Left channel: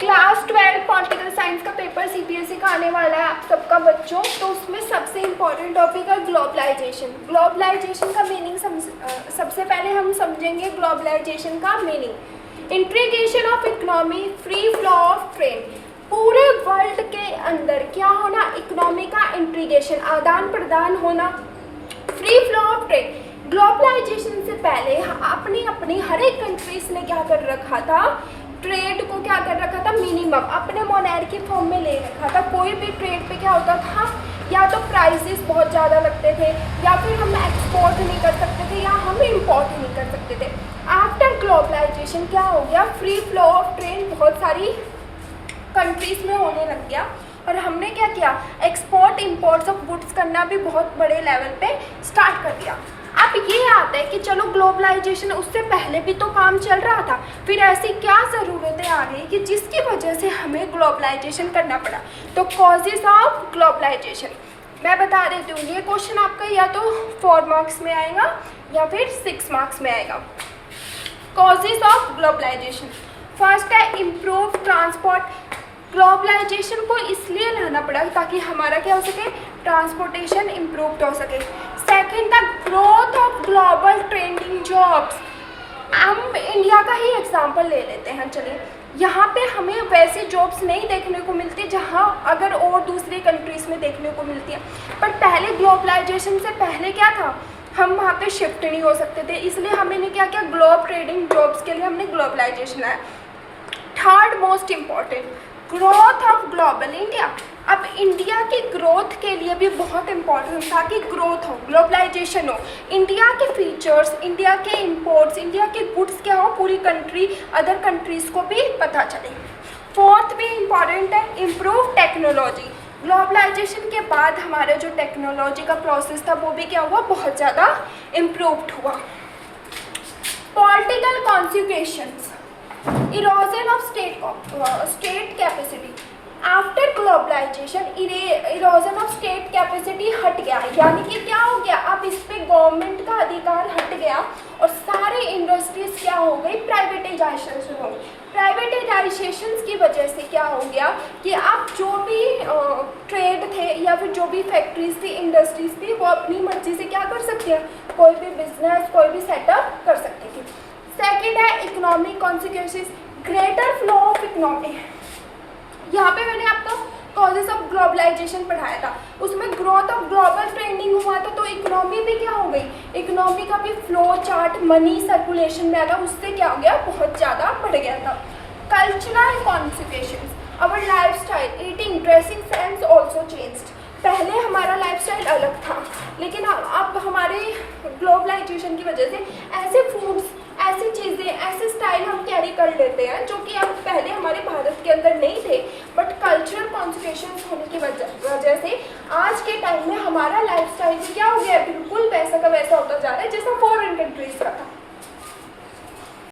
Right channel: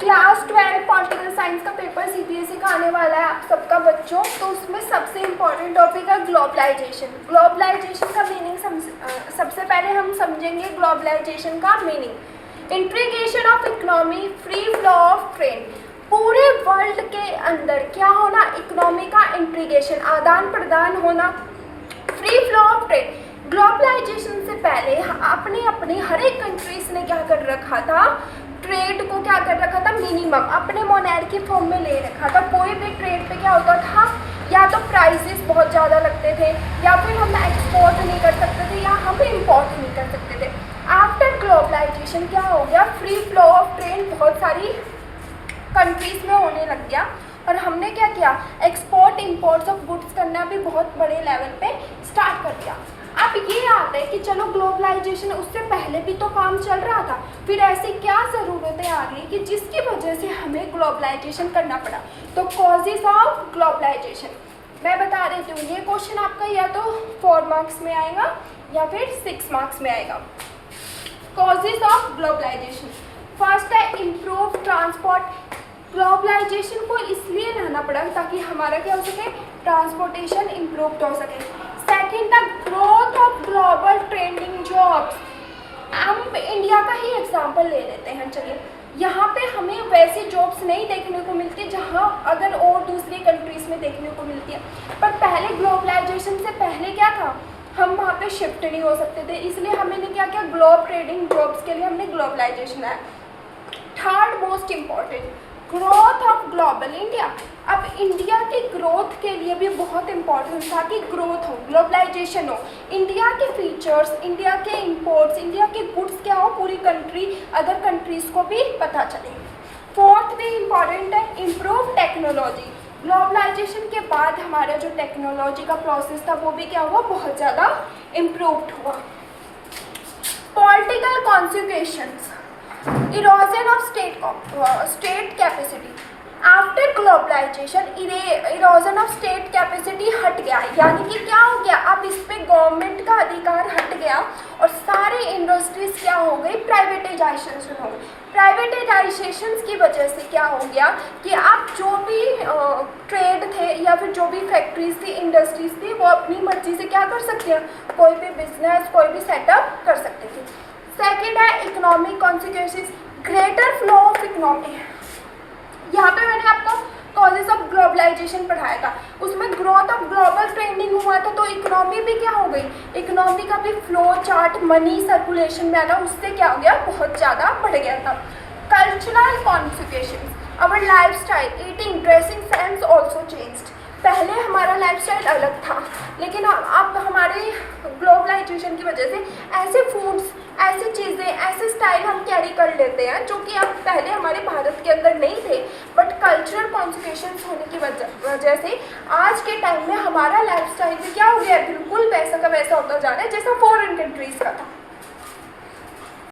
Class 12 political science का paper CBSE का आने वाला है आप सबका बच्चों। तो उसमें सबसे इम्पोर्टेंट टॉपिक है ग्लोबलाइजेशन। ग्लोबलाइजेशन का मीनिंग सबसे पहले हम समझेंगे ग्लोबलाइजेशन का meaning. Integration of economy, free flow of trade. पूरे वर्ल्ड के अंदर क्या होना, इकोनॉमी का इंटीग्रेशन, आदान प्रदान होना, free flow of trade. Globalization से पहले अपनी हर एक कंट्रीज ने क्या कर रखा था, ट्रेड को क्या कर रखा था, मिनिमम अपने मोनार्की फॉर्म में ले रखा था। कोई भी ट्रेड पे क्या होता था, या तो प्राइसेस बहुत ज़्यादा लगते थे, या फिर हम एक्सपोर्ट नहीं कर सकते थे, या हम इंपोर्ट नहीं कर सकते थे। आफ्टर ग्लोबलाइजेशन क्या हो गया, फ्री फ्लो ऑफ ट्रेड बहुत सारी कंट्रीज में होने लग गया, और हमने क्या किया, एक्सपोर्ट इंपोर्ट्स ऑफ गुड्स करना भी बहुत बड़े लेवल पे स्टार्ट कर दिया। अब ये आता है कि चलो ग्लोबलाइजेशन, उससे पहले भी तो काम चल रहा था, फिर ऐसी क्या ज़रूरतें आ गई कि जिसकी वजह से हमें ग्लोबलाइजेशन करना पड़ा। तो कॉजेज ऑफ ग्लोबलाइजेशन मैं बता देती हूँ। ये क्वेश्चन आपका या तो 4 मार्क्स में आएगा या फिर 6 मार्क्स में आएगा। कॉजेज ऑफ ग्लोबलाइजेशन, फर्स्ट है इम्प्रूव ट्रांसपोर्ट। ग्लोबलाइजेशन को इसलिए लाना पड़ा ताकि हमारा क्या हो सके, ट्रांसपोर्टेशन इम्प्रूव हो सके। Second, the growth of global trending jobs. हम इंडिया का ही एग्जांपल ले लेते हैं, चलिए। यहाँ पे हमें वैसे जॉब्स नहीं देखने को मिलती जहाँ अगर और दूसरी कंट्रीज़ में देखने को मिलती है। पर पहले ग्लोबलाइजेशन से पहले क्या था, हम वहाँ पे शिफ्ट नहीं हो सकते थे, इसलिए हमने क्या किया, ग्लोब ट्रेडिंग जॉब्स के लिए हमने ग्लोबलाइजेशन आया। Third most important, growth of global India. अब इंडिया की ग्रोथ के लिए भी बहुत इम्पोर्टेंट था कि ग्रोथ हो, ग्लोबलाइजेशन हो, इंडिया के फीचर्स, इंडिया के इंपोर्ट्स, इंडिया के गुड्स क्या हो, पूरी कंट्री अदर कंट्रीज़ को भी पता चले। फोर्थ भी इम्पॉर्टेंट है, इम्प्रूव टेक्नोलॉजी। ग्लोबलाइजेशन के बाद हमारा जो टेक्नोलॉजी का प्रोसेस था वो भी क्या हुआ, बहुत ज़्यादा इम्प्रूव्ड हुआ। Political consequences, erosion of state capacity. After globalization erosion of state capacity हट गया, यानी कि क्या हो गया, अब इस पे गवर्नमेंट का अधिकार हट गया और सारी इंडस्ट्रीज क्या हो गई, प्राइवेटाइजेशन शुरू हो गई। प्राइवेटाइजेशन की वजह से क्या हो गया कि अब जो भी ट्रेड थे या फिर जो भी फैक्ट्रीज थी, इंडस्ट्रीज थी, वो अपनी मर्जी से क्या कर सकते हैं, कोई भी बिजनेस, कोई भी सेटअप कर सकते थे। सेकेंड है economic consequences, greater flow of economy. यहाँ पे मैंने आपको कॉजेज ऑफ ग्लोबलाइजेशन पढ़ाया था, उसमें ग्रोथ ऑफ ग्लोबल ट्रेंडिंग हुआ था, तो इकोनॉमी भी क्या हो गई, इकोनॉमी का भी फ्लो चार्ट, मनी सर्कुलेशन में आया, उससे क्या हो गया, बहुत ज़्यादा बढ़ गया था। Cultural consequences, our lifestyle, eating, dressing sense also changed. पहले हमारा लाइफस्टाइल अलग था, लेकिन अब हमारे ग्लोबलाइजेशन की वजह से ऐसे फूड्स, ऐसी चीज़ें, ऐसे स्टाइल हम कैरी कर लेते हैं जो कि अब पहले हमारे भारत के अंदर नहीं थे, बट कल्चरल कॉन्सिक्वेंसेस होने की वजह से आज के टाइम में हमारा लाइफस्टाइल क्या हो गया है, बिल्कुल वैसा का वैसा होता जा रहा है जैसा फॉरेन कंट्रीज़ का था।